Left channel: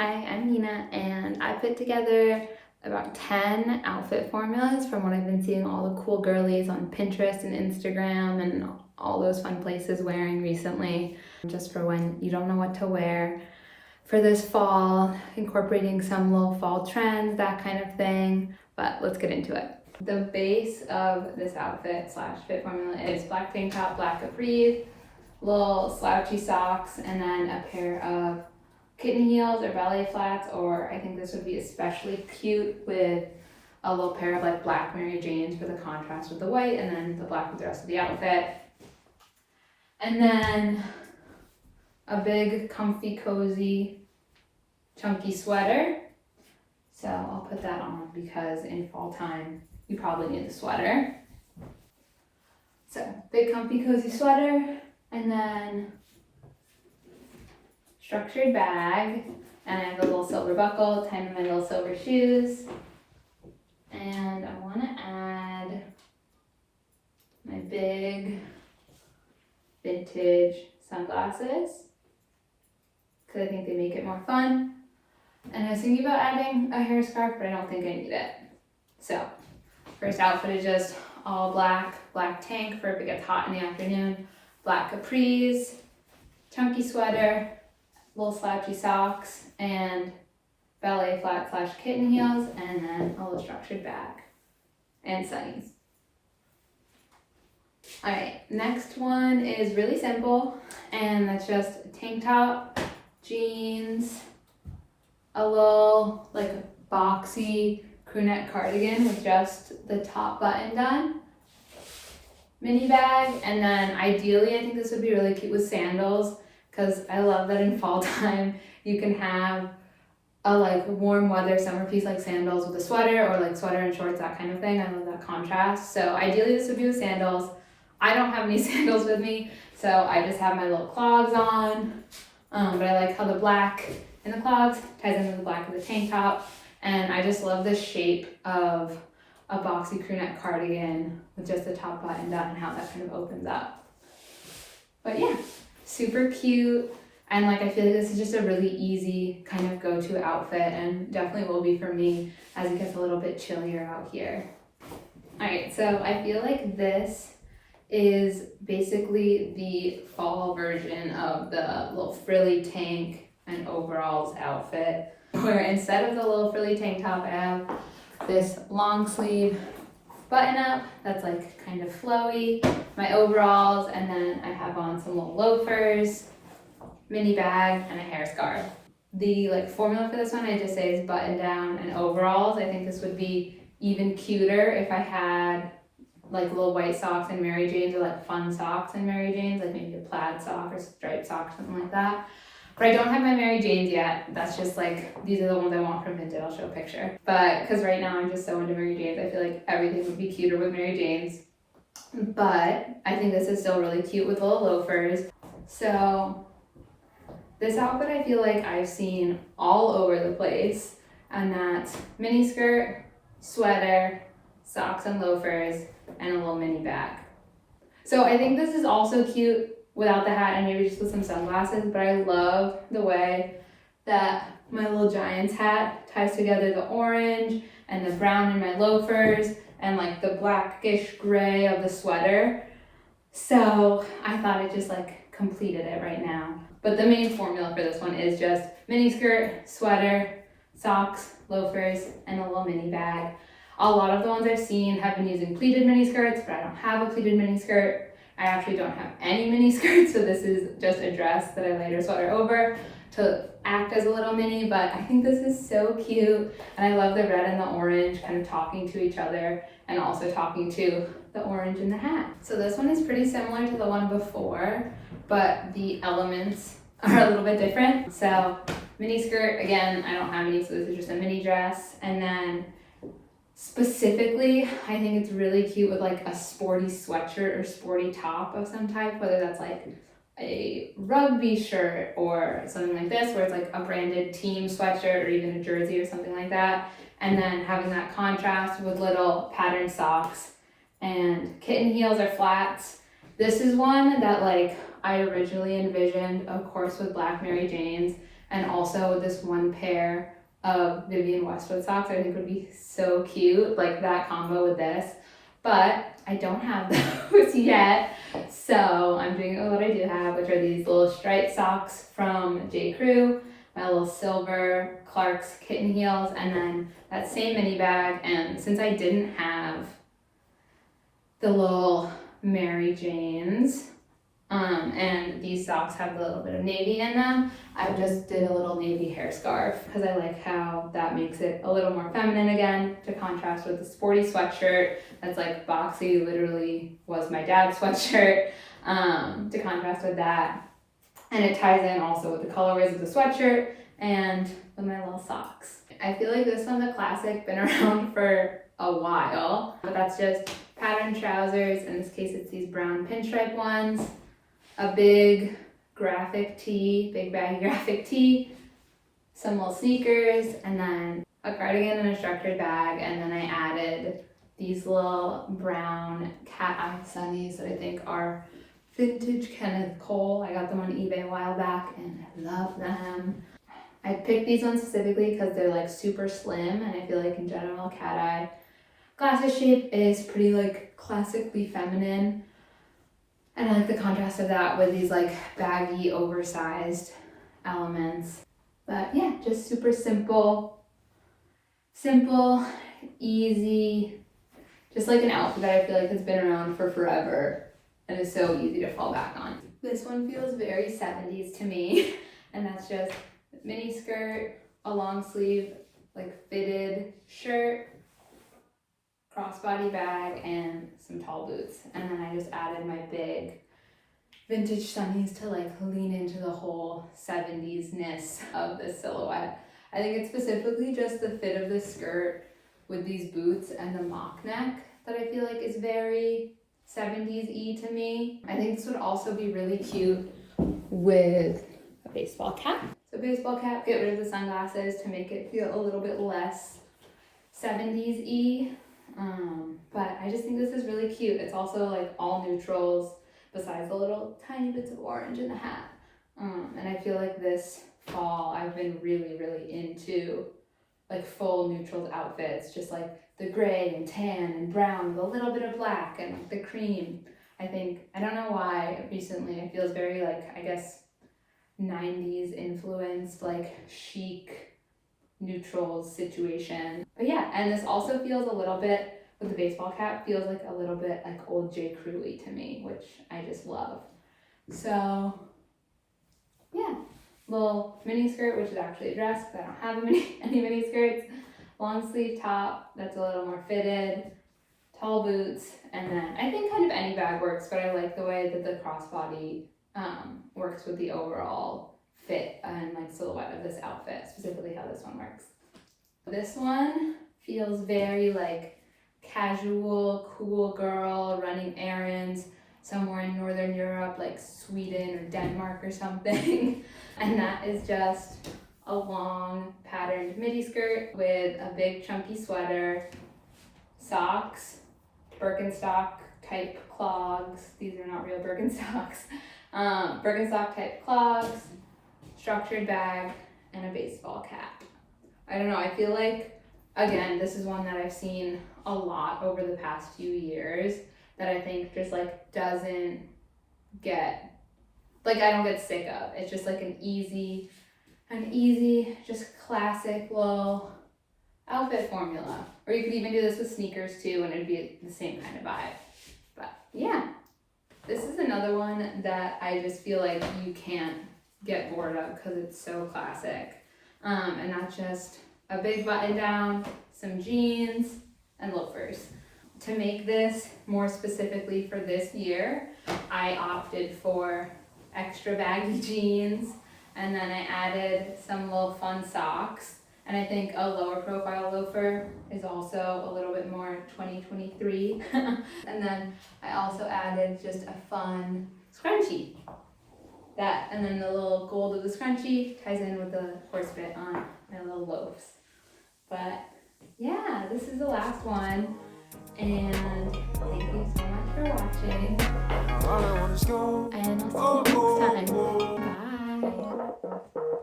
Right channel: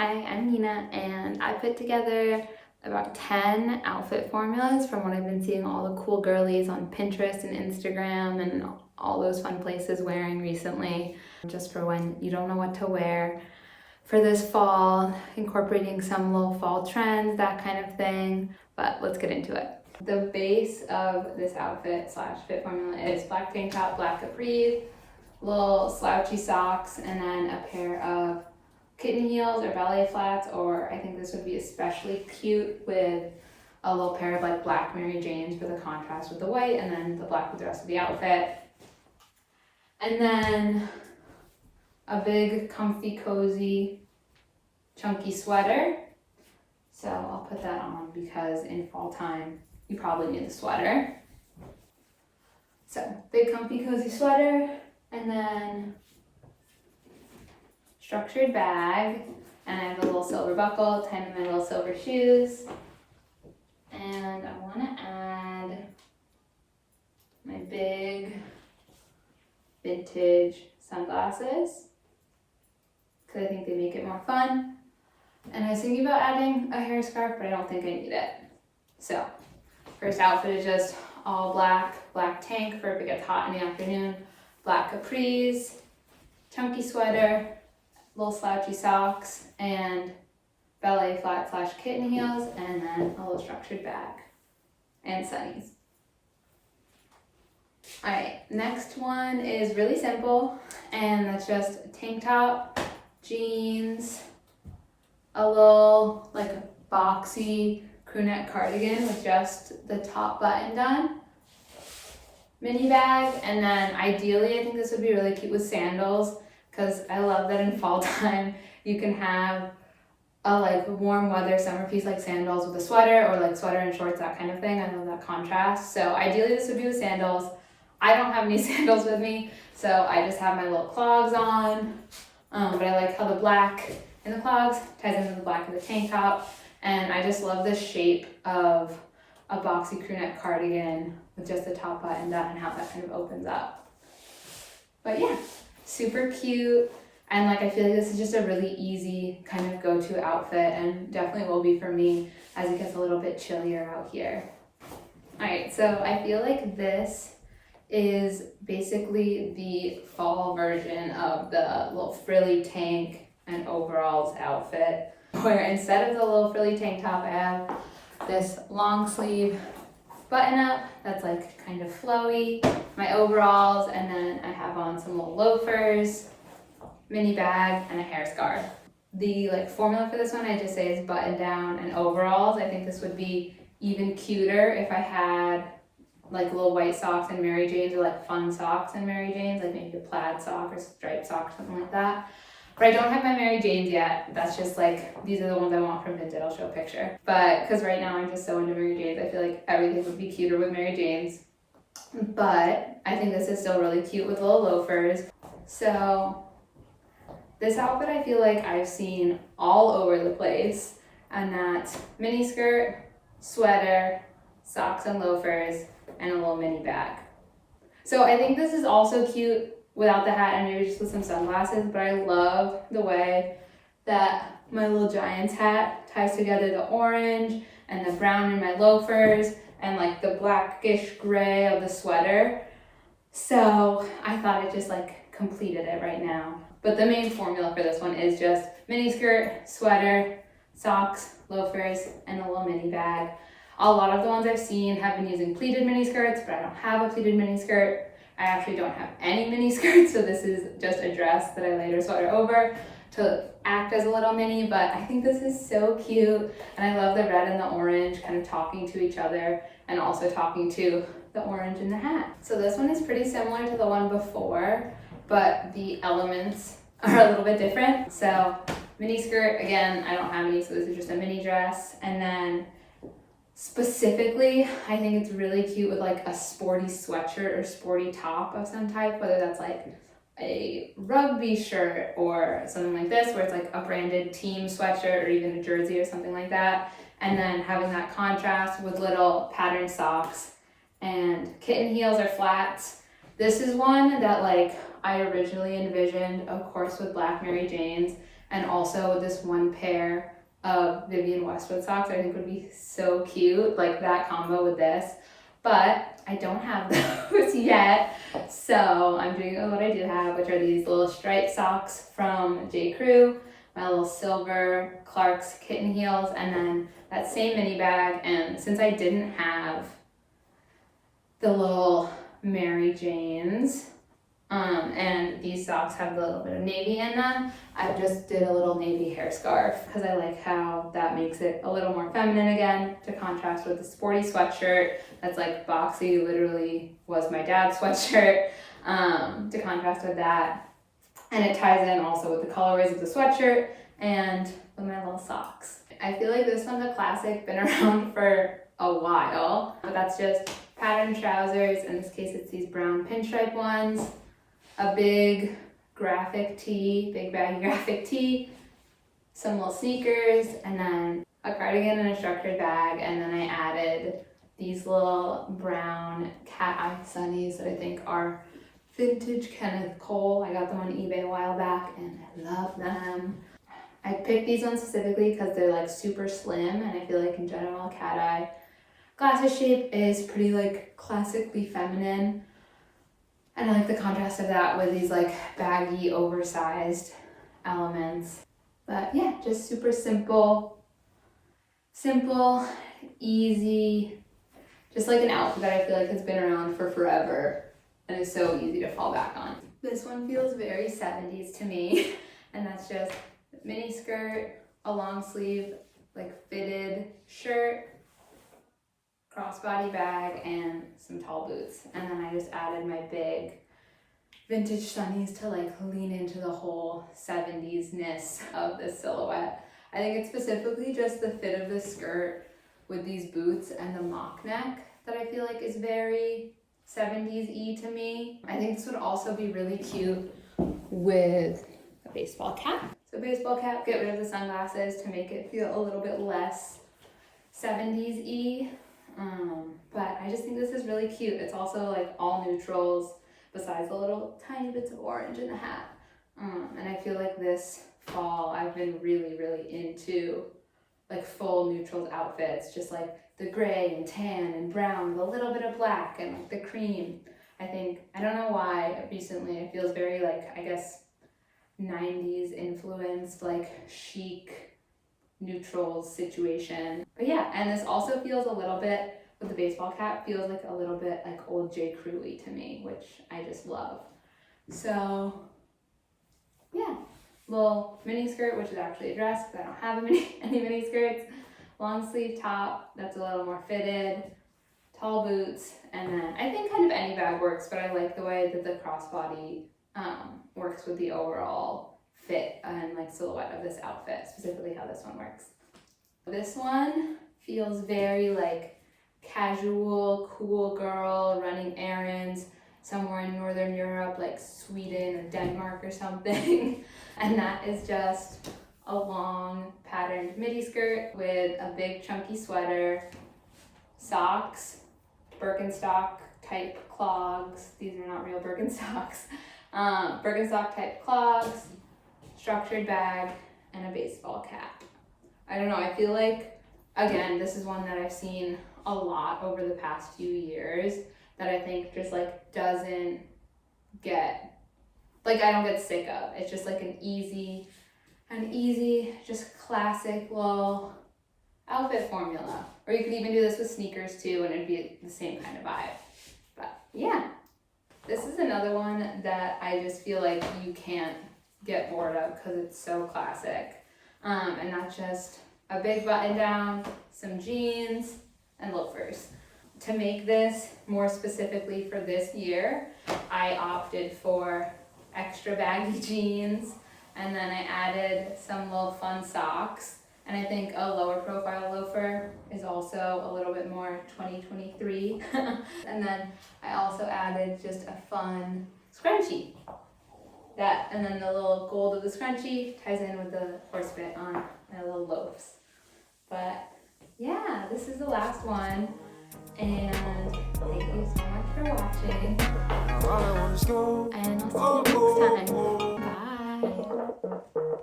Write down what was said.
Hi, I'm Nina, and I put together about 10 outfit formulas from what I've been seeing all the cool girlies on Pinterest and Instagram and all those fun places wearing recently, just for when you don't know what to wear for this fall, incorporating some little fall trends, that kind of thing. But let's get into it. The base of this outfit slash fit formula is black tank top, black capris, little slouchy socks, and then a pair of kitten heels or ballet flats, or I think this would be especially cute with a little pair of like black Mary Janes for the contrast with the white, and then the black with the rest of the outfit. And then a big, comfy, cozy, chunky sweater. So I'll put that on because in fall time, you probably need a sweater. So big, comfy, cozy sweater, and then structured bag, and I have a little silver buckle, tied to my little silver shoes. And I want to add my big vintage sunglasses because I think they make it more fun. And I was thinking about adding a hair scarf, but I don't think I need it. So first outfit is just all black tank for if it gets hot in the afternoon, black capris, chunky sweater, little slouchy socks, and ballet flat slash kitten heels, and then a little structured bag and sunnies. All right, next one is really simple, and that's just a tank top, jeans, a little like boxy crew neck cardigan with just the top button done, mini bag, and then ideally I think this would be really cute with sandals, because I love that in fall time you can have a like warm weather summer piece like sandals with a sweater, or like sweater and shorts, that kind of thing. I love that contrast. So ideally this would be with sandals. I don't have any sandals with me, so I just have my little clogs on. But I like how the black in the clogs ties into the black of the tank top. And I just love the shape of a boxy crew neck cardigan with just the top button down and how that kind of opens up. But yeah, super cute, and like I feel like this is just a really easy kind of go-to outfit, and definitely will be for me as it gets a little bit chillier out here. All right, so I feel like this is basically the fall version of the little frilly tank and overalls outfit, where instead of the little frilly tank top, I have this long sleeve button up that's like kind of flowy, my overalls, and then I have on some little loafers, mini bag, and a hair scarf. The like formula for this one I just say is button down and overalls. I think this would be even cuter if I had like little white socks and Mary Janes, or like fun socks and Mary Janes, like maybe a plaid sock or striped sock or something like that. But I don't have my Mary Janes yet. That's just like, these are the ones I want from Vinted. I'll show a picture. But because right now I'm just so into Mary Janes, I feel like everything would be cuter with Mary Janes. But I think this is still really cute with little loafers. So this outfit I feel like I've seen all over the place, and that's mini skirt, sweater, socks and loafers, and a little mini bag. So I think this is also cute without the hat and maybe just with some sunglasses, but I love the way that my little Giants hat ties together the orange and the brown in my loafers and like the blackish gray of the sweater. So I thought it just like completed it right now. But the main formula for this one is just mini skirt, sweater, socks, loafers, and a little mini bag. A lot of the ones I've seen have been using pleated mini skirts, but I don't have a pleated mini skirt. I actually don't have any mini skirts, so this is just a dress that I layer a sweater over to act as a little mini, but I think this is so cute, and I love the red and the orange kind of talking to each other and also talking to the orange in the hat. So this one is pretty similar to the one before, but the elements are a little bit different. So mini skirt, again, I don't have any, so this is just a mini dress, and then specifically, I think it's really cute with like a sporty sweatshirt or sporty top of some type, whether that's like a rugby shirt or something like this, where it's like a branded team sweatshirt or even a jersey or something like that. And then having that contrast with little patterned socks and kitten heels or flats. This is one that like I originally envisioned, of course, with black Mary Janes, and also with this one pair of Vivienne Westwood socks, I think would be so cute, like that combo with this. But I don't have those yet, so I'm doing what I do have, which are these little striped socks from J. Crew, my little silver Clark's kitten heels, and then that same mini bag. And since I didn't have the little Mary Janes, and these socks have a little bit of navy in them, I just did a little navy hair scarf because I like how that makes it a little more feminine again, to contrast with the sporty sweatshirt that's like boxy, literally was my dad's sweatshirt, to contrast with that. And it ties in also with the colorways of the sweatshirt and with my little socks. I feel like this one's a classic, been around for a while, but that's just patterned trousers. In this case, it's these brown pinstripe ones, a big graphic tee, big baggy graphic tee, some little sneakers, and then a cardigan and a structured bag. And then I added these little brown cat eye sunnies that I think are vintage Kenneth Cole. I got them on eBay a while back and I love them. I picked these ones specifically because they're like super slim, and I feel like in general cat eye glasses shape is pretty like classically feminine. And I like the contrast of that with these like baggy, oversized elements. But yeah, just super simple, easy, just like an outfit that I feel like has been around for forever and is so easy to fall back on. This one feels very 70s to me, and that's just mini skirt, a long sleeve, like fitted shirt, crossbody bag, and some tall boots. And then I just added my big vintage sunnies to like lean into the whole 70s-ness of this silhouette. I think it's specifically just the fit of the skirt with these boots and the mock neck that I feel like is very 70s-y to me. I think this would also be really cute with a baseball cap. So baseball cap, get rid of the sunglasses to make it feel a little bit less 70s-y. But I just think this is really cute. It's also like all neutrals besides the little tiny bits of orange in the hat. And I feel like this fall I've been really into like full neutrals outfits, just like the gray and tan and brown with a little bit of black and like the cream. I think, I don't know why recently it feels very like, I guess, 90s influenced, like chic neutrals situation. But yeah, and this also feels a little bit, with the baseball cap, feels like a little bit like old J. Crew-y to me, which I just love. So yeah, little mini skirt, which is actually a dress because I don't have any mini skirts. Long sleeve top that's a little more fitted, tall boots, and then I think kind of any bag works, but I like the way that the crossbody works with the overall fit and like silhouette of this outfit, specifically how this one works. This one feels very like casual, cool girl running errands somewhere in Northern Europe, like Sweden or Denmark or something. And that is just a long patterned midi skirt with a big chunky sweater, socks, Birkenstock type clogs. These are not real Birkenstocks. Birkenstock type clogs, structured bag, and a baseball cap. I don't know, I feel like, again, this is one that I've seen a lot over the past few years that I think just like doesn't get, like I don't get sick of. It's just like an easy, just classic little outfit formula. Or you could even do this with sneakers too and it'd be the same kind of vibe. But yeah, this is another one that I just feel like you can't get bored of because it's so classic. And that's just a big button down, some jeans, and loafers. To make this more specifically for this year, I opted for extra baggy jeans, and then I added some little fun socks. And I think a lower profile loafer is also a little bit more 2023. And then I also added just a fun scrunchie. That, and then the little gold of the scrunchie ties in with the horse bit on my little loafs. But yeah, this is the last one. And thank you so much for watching. And I'll see you next time. Bye.